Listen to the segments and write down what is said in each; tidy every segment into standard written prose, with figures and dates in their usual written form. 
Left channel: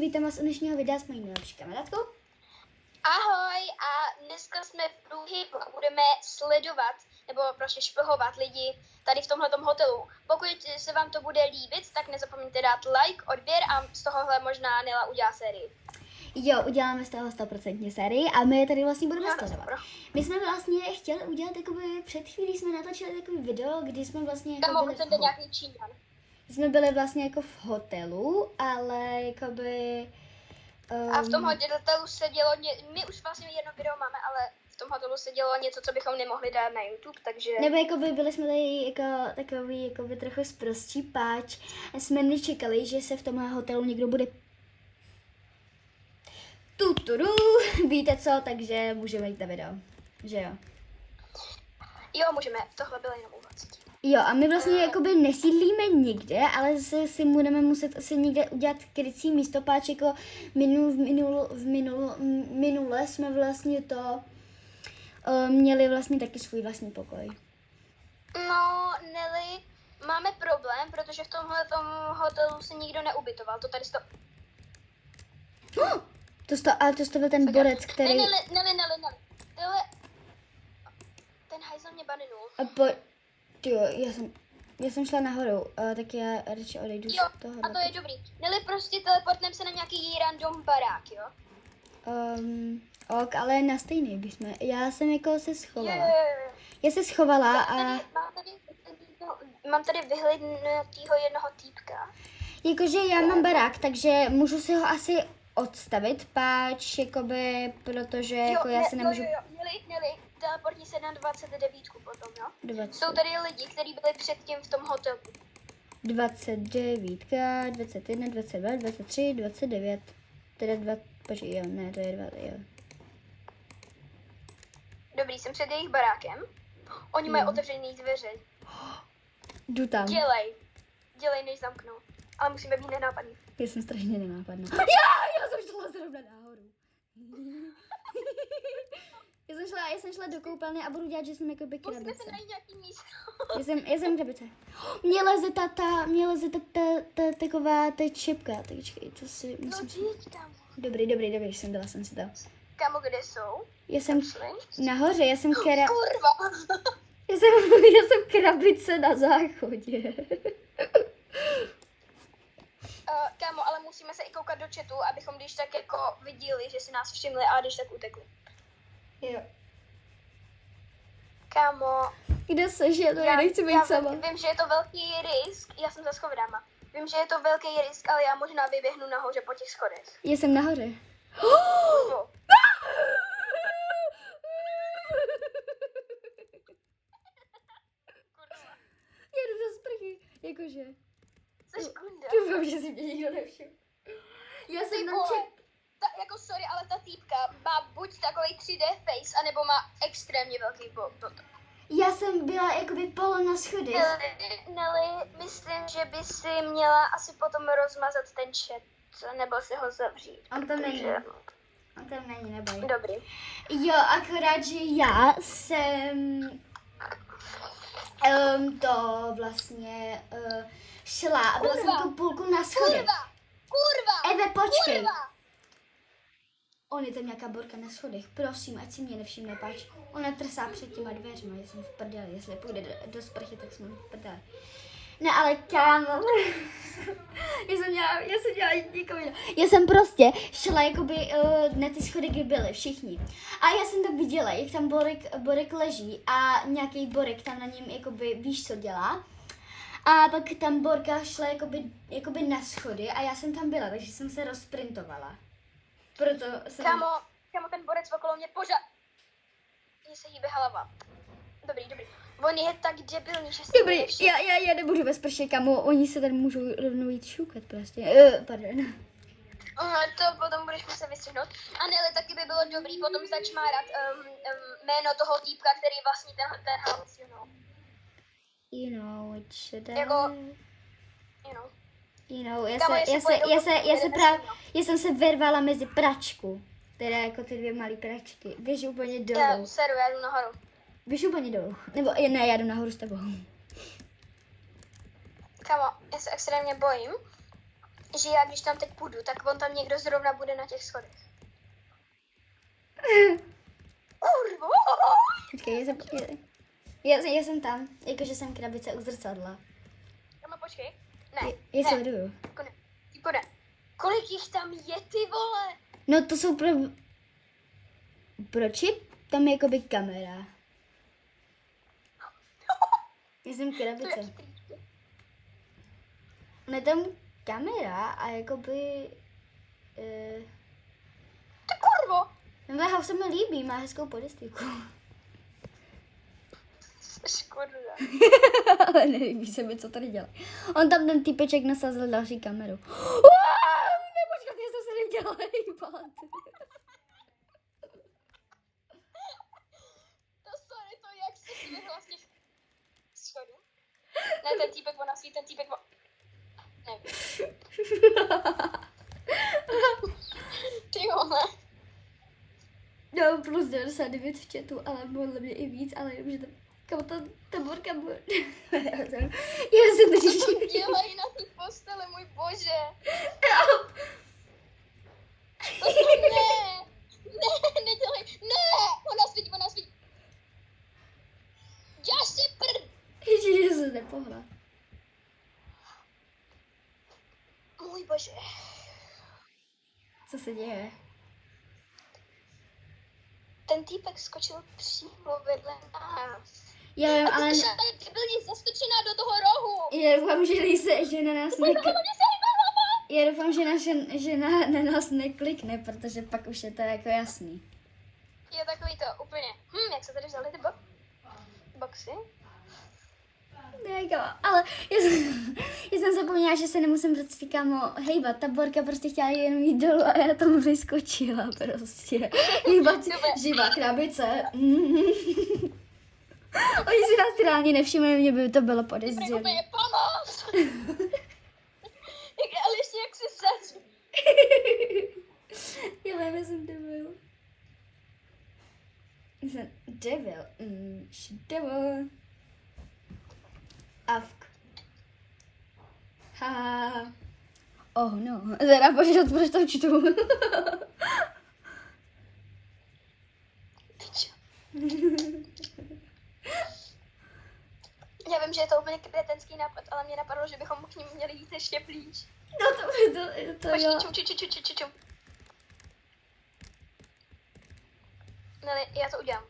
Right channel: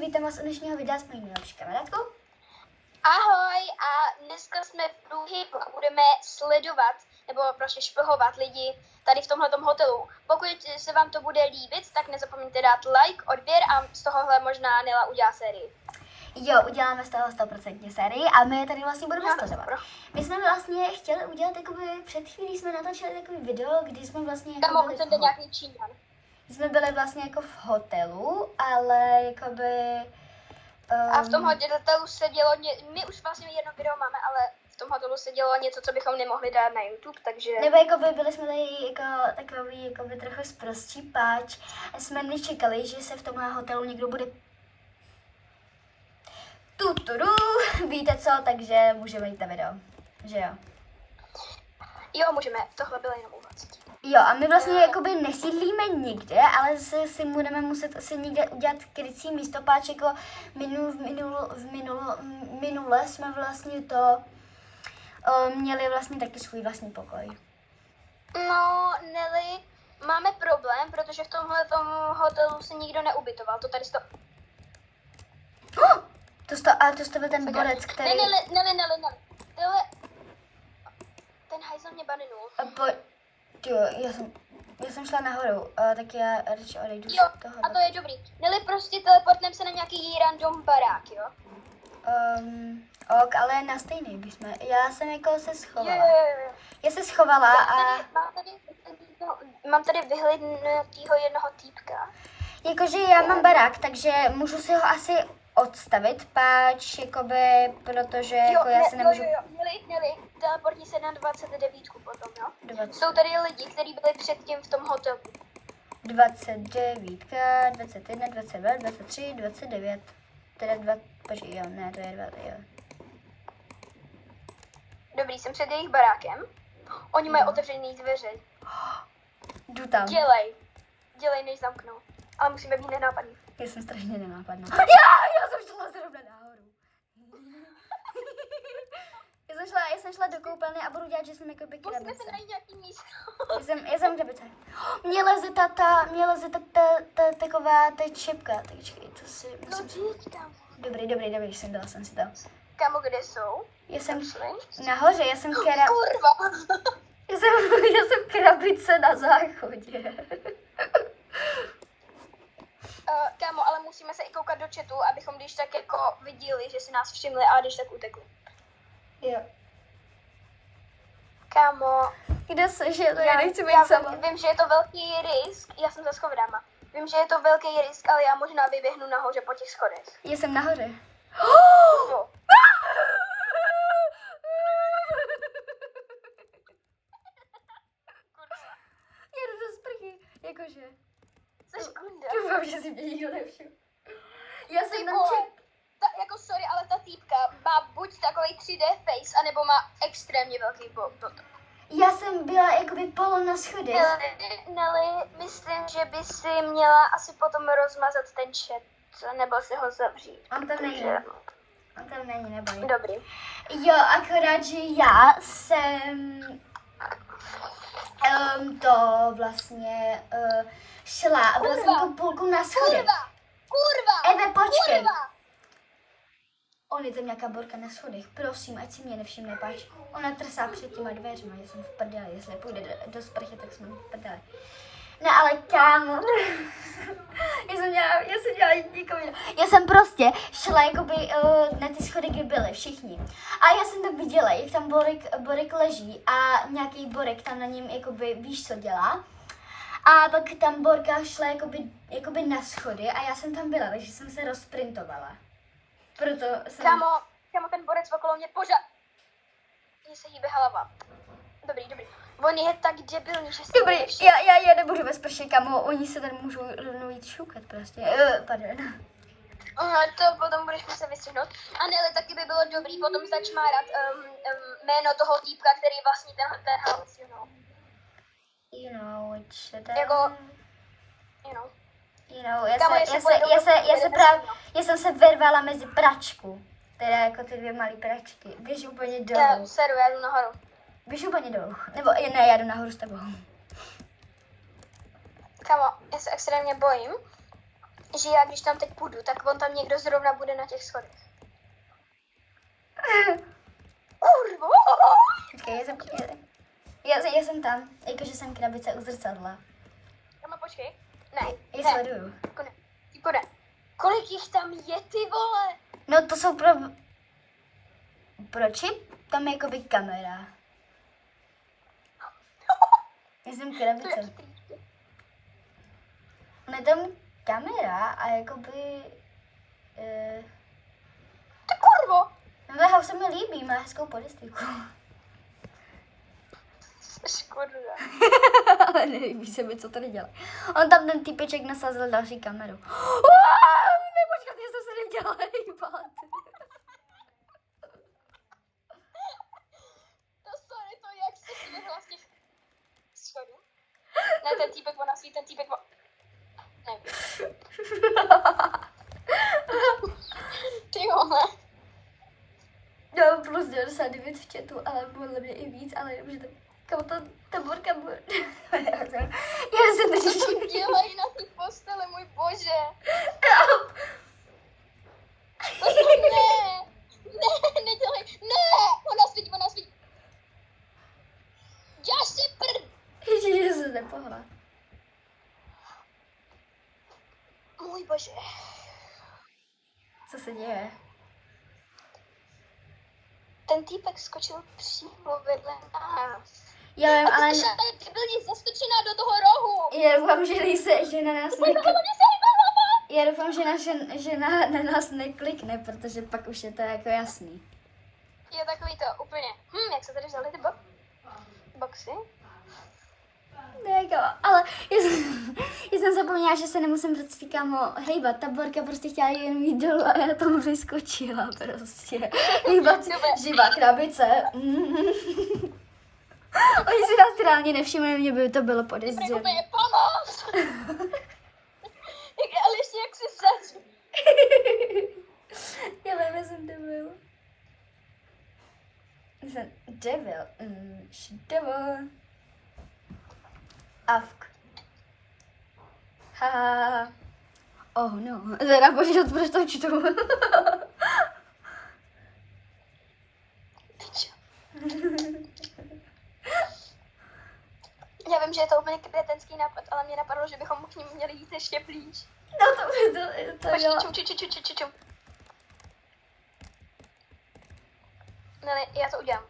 vítám vás u dnešního videa s mojí nejlepší kamarádkou. Ahoj, a dneska jsme v průhybu a budeme sledovat nebo prostě špehovat lidi tady v tomhletom hotelu. Pokud se vám to bude líbit, tak nezapomeňte dát like, odběr a z tohohle možná Nela udělá sérii. Jo, uděláme z toho 100% sérii a my je tady vlastně budeme sledovat. My jsme vlastně chtěli udělat jakoby, před chvílí jsme natočili takový video, kdy jsme vlastně jako tam byli nějaký Číňan. Jsme byli vlastně jako v hotelu, ale jakoby... A v tom hotelu se dělo, my už vlastně jedno video máme, ale v tom hotelu se dělo něco, co bychom nemohli dát na YouTube, takže... Nebo jakoby byli jsme tady jako takový jakoby trochu sprostí, páč. Jsme nečekali, že se v tomhle hotelu někdo bude... Tuturu, víte co, takže můžeme jít na video, že jo? Jo, můžeme, tohle bylo jenom úvod. Jo, a my vlastně jakoby nesídlíme nikde, ale si budeme muset asi někde udělat krycí místo, páč jako minule jsme vlastně to měli vlastně taky svůj vlastní pokoj. No, Nelly, máme problém, protože v tomhle hotelu se nikdo neubytoval, to tady Ale to byl ten borec, který... Nelly. Ten hajzl mě baninul. Jo, já jsem šla nahoru, tak já radši odejdu jo, z toho. A to je dobrý. Nelly, prostě teleportnem se na nějaký random barák, jo? Ok, ale na stejný bychom. Já jsem jako se schovala. Jo. Já se schovala a... Mám tady vyhlednutýho jednoho týpka. Jakože já mám barák, takže můžu si ho asi odstavit, páč, jakoby, protože jako já se nemůžu... Jo. Nelly, teleportni se na 29 potom, jo? 20. Jsou tady lidi, kteří byli předtím v tom hotelu. 29, 21, 22, 23, 29. Teda počkej, jo, ne, to je 2, jo. Dobrý, jsem před jejich barákem. Oni mají otevřený dveře. Jdu tam. Dělej, než zamknou. Ale musíme být nenápadní. Já jsem strašně nenápadná. Já jsem šla zrovna nahoru. Já jsem šla do koupelny a budu dělat, že jsem jako by krabice. Musíme se najít nějaký místo. Já jsem krabice. Mě leze taková ta čipka. Počkej, to si musím... Dobrý, jsem si dal. Kámo, kde jsou? Já jsem nahoře, já jsem krabice. Kurva! Já jsem krabice na záchodě. Kámo, ale musíme se i koukat do chatu, abychom když tak jako viděli, že si nás všimli a když tak utekli. Jo. Kámo. Kde jsi, že já nechci být sama. Vím, že je to velký risk, já jsem za schovrama. Vím, že je to velký risk, ale já možná vyběhnu nahoře po těch schodech. Já jsem nahoře. Já jdu do sprchy, jakože. Jsi kunda. Doufám, že si mě nikdo nevšiml. Já jsem tam jako sorry, ale ta týpka má buď takový 3D face, anebo má extrémně velký bottom. Já jsem byla jakoby polo na schodech. Nelly, myslím, že by si měla asi potom rozmazat ten chat, nebo si ho zavřít. On tam není, neboj. Dobrý. Jo, akorát, že já jsem to vlastně šla a byla jsem tu půlku na schodech. Kurva! Eve, počkej. Kurva! On je tam nějaká borka na schodech, prosím, ať si mě nevšimne, páč. Ona trsá před těma dveřma, já jsem v prdeli, jestli půjde do sprchy, tak jsme v prdeli. No ale kámo, já jsem dělala nikomu. Já jsem prostě šla jakoby na ty schody, kde byli všichni. A já jsem tam viděla, jak tam borek leží a nějaký borek tam na něm jakoby, víš co dělá. A pak tam borka šla jakoby na schody a já jsem tam byla, takže jsem se rozprintovala. Proto jsem... Kámo, ten borec okolo mě pořád... Mně se hýbe hlava. Dobrý. On je tak debilní, že si dobrý, já nebudu ve sprše, kamo, oni se tady můžou rovnou jít šukat prostě. Pardon. To potom budeš muset vystřihnout. A Nelly, taky by bylo dobrý potom začmárat jméno toho týpka, který vlastní ten house, you know. You know, which jako, you know, já jsem se vyrvala mezi pračku. Teda jako ty dvě malé pračky. Běž úplně dolů. Já jdu nahoru. Běž úplně dolů. Nebo ne, já jdu nahoru s tebou. Kámo, já se extrémně bojím. že já když tam teď půjdu, tak on tam někdo zrovna bude na těch schodech. Kurvo! Počkej, já jsem tam, jakože jsem krabice u zrcadla. Kamo, počkej. Ne, Je ne. sleduju. Jako ne. Tipo ne. Kolik jich tam je, ty vole? No to jsou pro čip? Tam je jakoby kamera. Já jsem To je krabice. chytrý. On je tam kamera a jakoby... Ty kurvo! Tenhle house se mi líbí, má hezkou podistiku. Škoda. Ale nelíbí se mi, co tady dělá. On tam ten týpeček nasázal další kameru. Nepočkat, já jsem se nedělala hejbat. To sorry, to jak se si vyhla z těch schodů? Ne, ten týpek ona svít, ten týpek nevím. Ty vole. No, plus 99 v chatu, ale podle mě i víc, ale že ta borka bude. Já jsem Co drží. tam dělají na té postele, můj bože. Ne, ne, nedělej, ne, ona svítí. Já si prd. Ježiš, že se nepohla. Můj bože. Co se děje? Ten týpek skočil přímo vedle nás. Já vím, A ale ty ty byli zaskočená do toho rohu. já doufám, že že na nás Ona se hýbala. Já doufám, že na nás neklikne, protože pak už je to jako jasný. Je takový to úplně, jak se tady vzali ty boxy? Ne, jako, ale já jsem zapomněla, že se nemusím prostě kámo hejbat. Ta borka prostě chtěla jen jít dolů a já tam vyskočila prostě. Hejbat živá krabice. Oni si nás reálně nevšimli, mě by to bylo Ty podezřelé. úplně pomoc! Ale ještě jak si zač. Já vím, já jsem devil. Jsem devil. Devil. Avk. Haha. Oh no. Teda bože, proč to čtu? Já vím, že je to úplně kretenský nápad, ale mě napadlo, že bychom k ním měli jít ještě blíž. No to jo. Počkej, čum. Ne, já to udělám.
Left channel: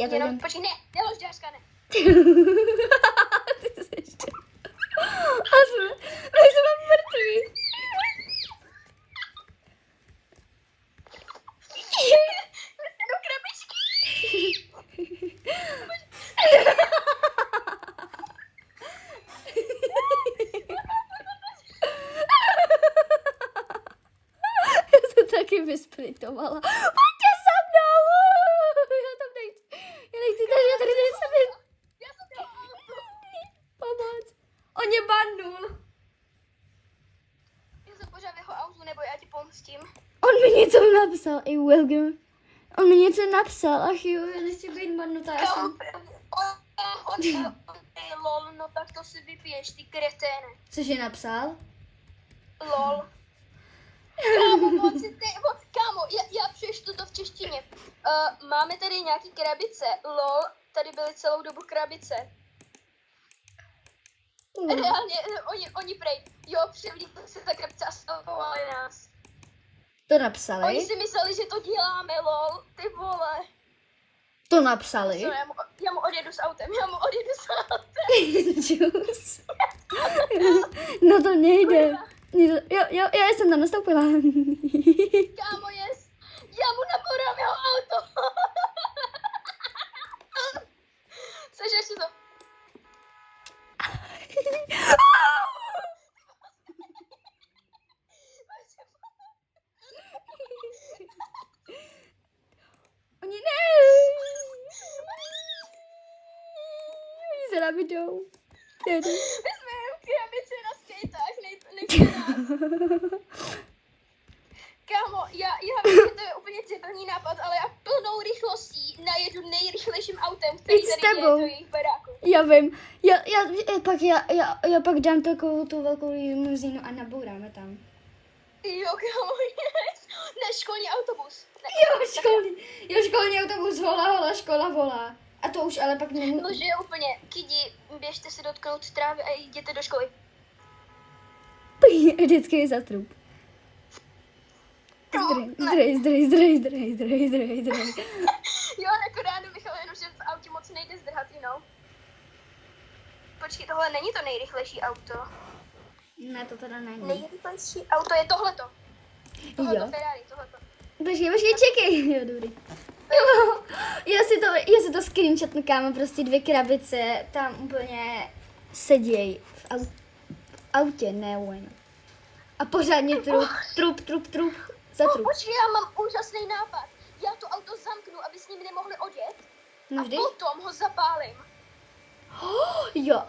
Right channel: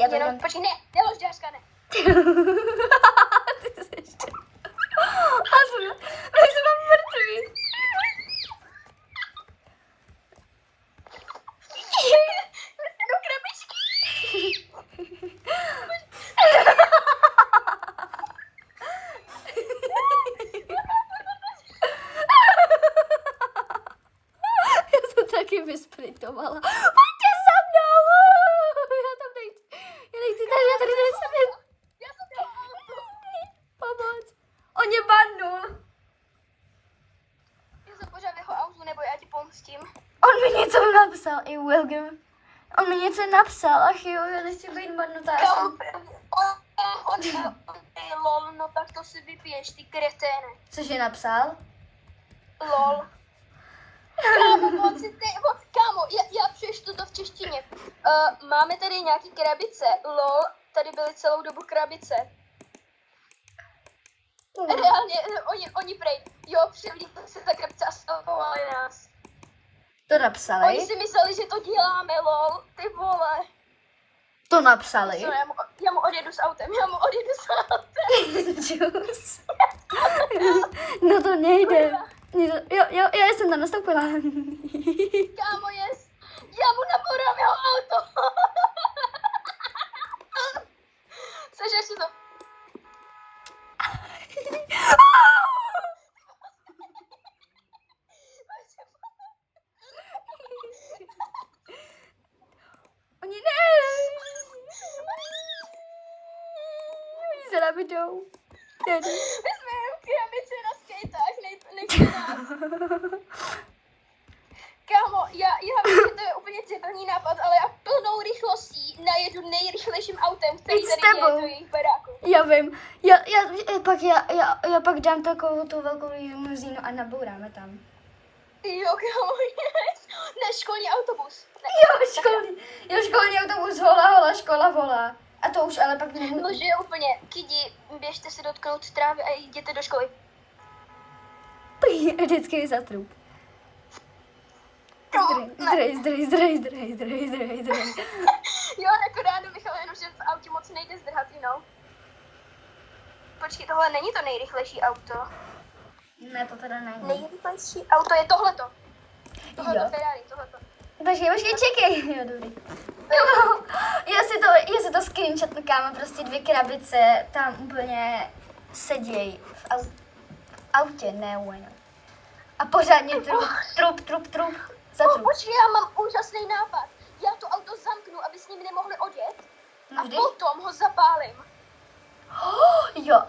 Já to Jenom, mám. počkej, ne, nelož děřka, ne. Ty jsi ještě. My jsme mrtví. Do krabičky. Já jsem taky vysplitovala. Pojďte za mnou! Já tam nechci. Já tady nejsem. Já jsem dělala auto. Pomoc. On je bandul. Já jsem pořád v jeho autu, nebo já ti pomstím. On mi něco napsal, i Wilgum. On mi něco napsal, ach jo, já nechci být bandnutá. Lol, no tak to si vypiješ, ty kreténe. Cože napsal? Lol. Kámo, já přečtu to v češtině. Máme tady nějaký krabice. Lol, tady byly celou dobu krabice. Reálně, oni prej, jo, převlíkli se ta krabice a stavovali nás. To napsali? Oni si mysleli, že to děláme, lol, ty vole. To napsali? No, já mu odjedu s autem. Džus. No to nejde. Jo, já jsem tam nastoupila. Kámo, yes. Já mu naborám jeho auto. Sežeš si to. Oni ne. Oni se nám jdou. My jsme jen v krabici na skatách, nechci nás. Kámo, já vím, že to je úplně debilní nápad, ale já plnou rychlostí najedu nejrychlejším autem, který Jít s tady je tebou. do jejich baráku. Já vím. Já pak dám takovou tu velkou limuzínu a nabouráme tam. Jo, kámo, yes. Ne, školní autobus. Ne, Školní autobus volá, škola volá. A to už ale pak no, nemůžu. že je úplně, kidi, běžte si dotknout trávy a jděte do školy. Vždycky je za trup. Zdroj. Jo, jako ráno, Michal, jenom, že v autě moc nejde zdrhat, Počkej, tohle není to nejrychlejší auto. Ne, to teda není. Nejrychlejší auto je tohleto. Tohleto Jo. Ferrari, tohleto. Počkej, čekej. Jo, dobrý. Já si to screenshotnu, kámo, prostě 2 krabice tam úplně seděj v autě, ne bueno. A pořádně trup. Za trup. Počkej, já mám úžasný nápad. Já to auto zamknu, aby s ním nemohli odjet. No A vždy. potom ho zapálím. Jo.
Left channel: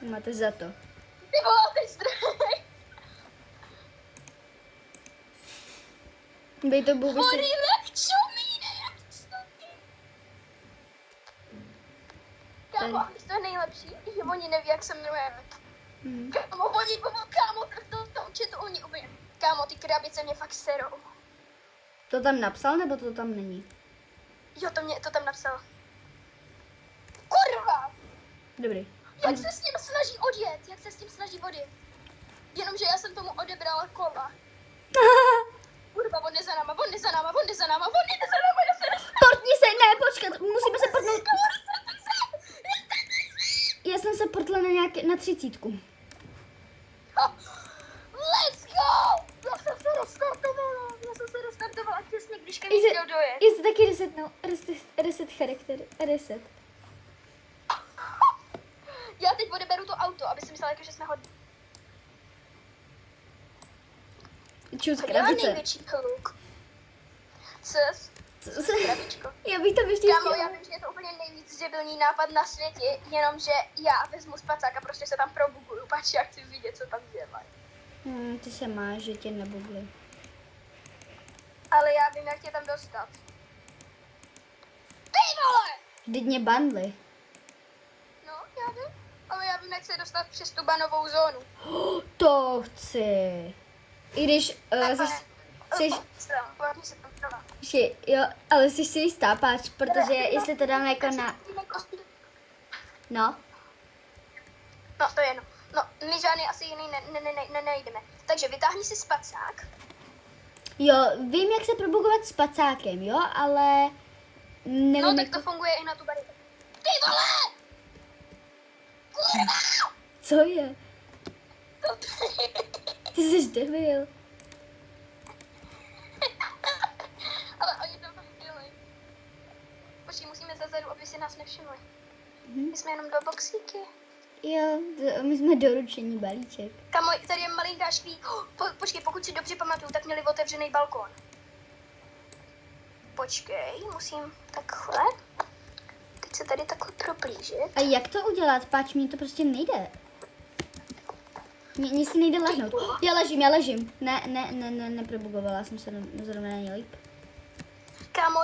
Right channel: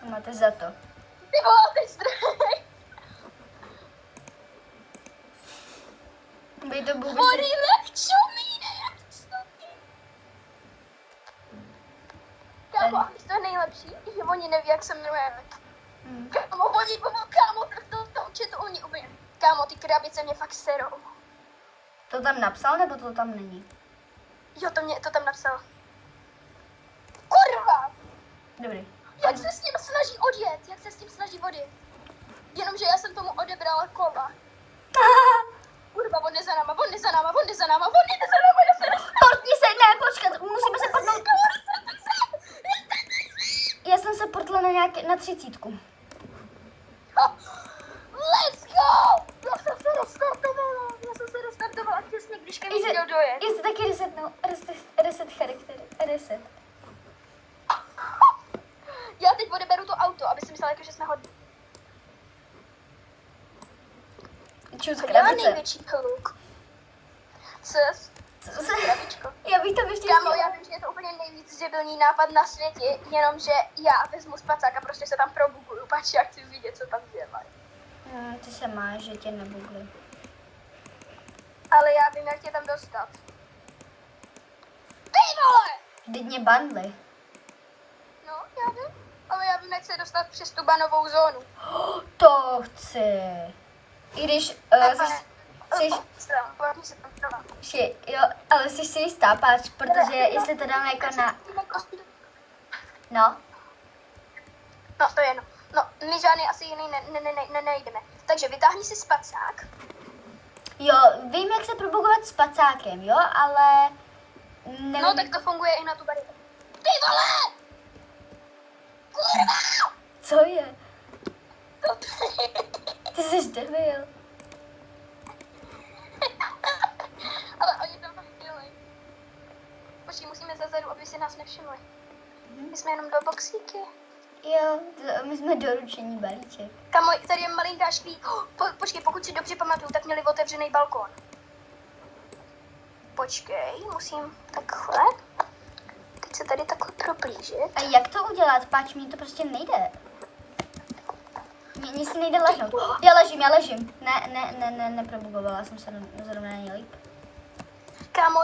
To máte za to. Ty vole, ty zdroj. Bej to bůh Horí lepčumíne, jak to. Kámo, a víš, to je nejlepší, že oni neví, jak se jmenujeme. Kámo, kámo, tak to určitě oni úplně. Kámo, ty krabice mě fakt serou. To tam napsal, nebo to tam není? Jo, to tam napsal. Kurva! Dobrý. Jak se s ním snaží odjet? Jenomže já jsem tomu odebrala kola. Kurva, on jde za náma, já se dostanu. Portni se, ne, počkat, musíme se portnout. Já jsem se portla na 30. Let's go! Já jsem se restartovala těsně, když ke mně chtěl dojet. Já se taky reset charakter, reset. Já teď odeberu to auto, aby si myslela, jako, že jsme hodní. Čus Já krabice. největší kluk. Krabičko. Já bych to ještě Kámo, já vím, že je to úplně nejvíc debilní nápad na světě, jenomže já vezmu spacák a prostě se tam probuguju, pač já chci vidět, co tam dělají. Ty se máš, že tě nebudli. Ale já vím, jak tě tam dostat. Ty vole! Vždyť mě bandli. No, já vím. Ale já vím, jak se dostat přes tu banovou zónu. To chci. I když jo, ale jsi si jistá, páč, protože jestli to dáme jako na... No, No, to je jedno. No, my žádný asi jiný nejdeme. Takže vytáhni si spacák. jo, vím, jak se probugovat s pacákem, jo, ale... Nevím, No, tak to funguje i na tu bariéru. Ty vole! Kurva! Co je? Ty jsi debil. Ale oni tam fakt dělají. Počkej, musíme zezadu, aby si nás nevšimli. My jsme jenom 2 boxíky. Jo, my jsme doručení balíček. Kamo, tady je malinká škví. Počkej, pokud si dobře pamatuju, tak měli otevřený balkón. Počkej, musím takhle. Teď se tady takhle proplížit. A jak to udělat, páč, mně to prostě nejde. Mně si nejde lehnout. Já ležím. Ne, neprobugovala jsem se zrovna nejlíp. Kámo,